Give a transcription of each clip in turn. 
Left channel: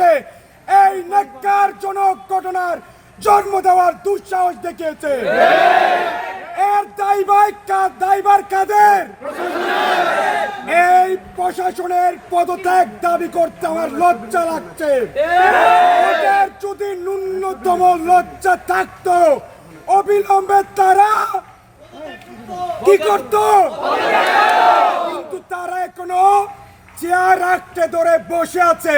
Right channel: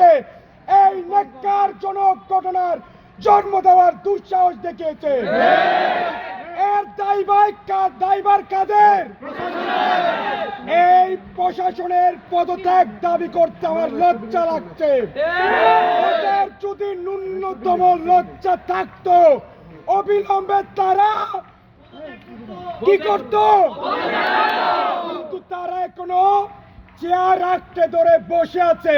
এই নেককারজনক ঘটনার জন্ম দেওয়ার দুঃসাহস দেখিয়েছে। এর দায়ভার কা- দায়ভার কাদের? এই প্রশাসনের পদত্যাগ দাবি করতে আমার লজ্জা লাগছে। ওদের যদি ন্যূনতম লজ্জা থাকতো, অবিলম্বে তারা কি করত? কিন্তু তারা এখনও চেয়ার আটটে ধরে বসে আছে।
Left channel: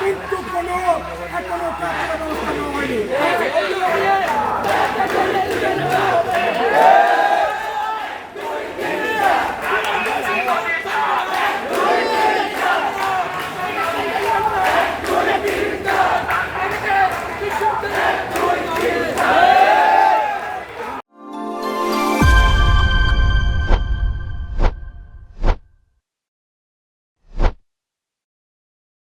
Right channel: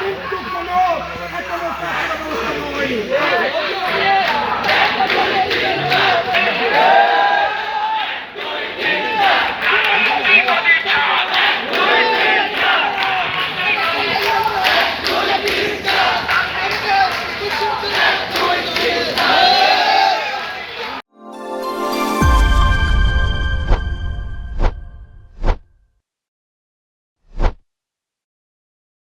কিন্তু কোনো এখনও ব্যবস্থা হয়নি।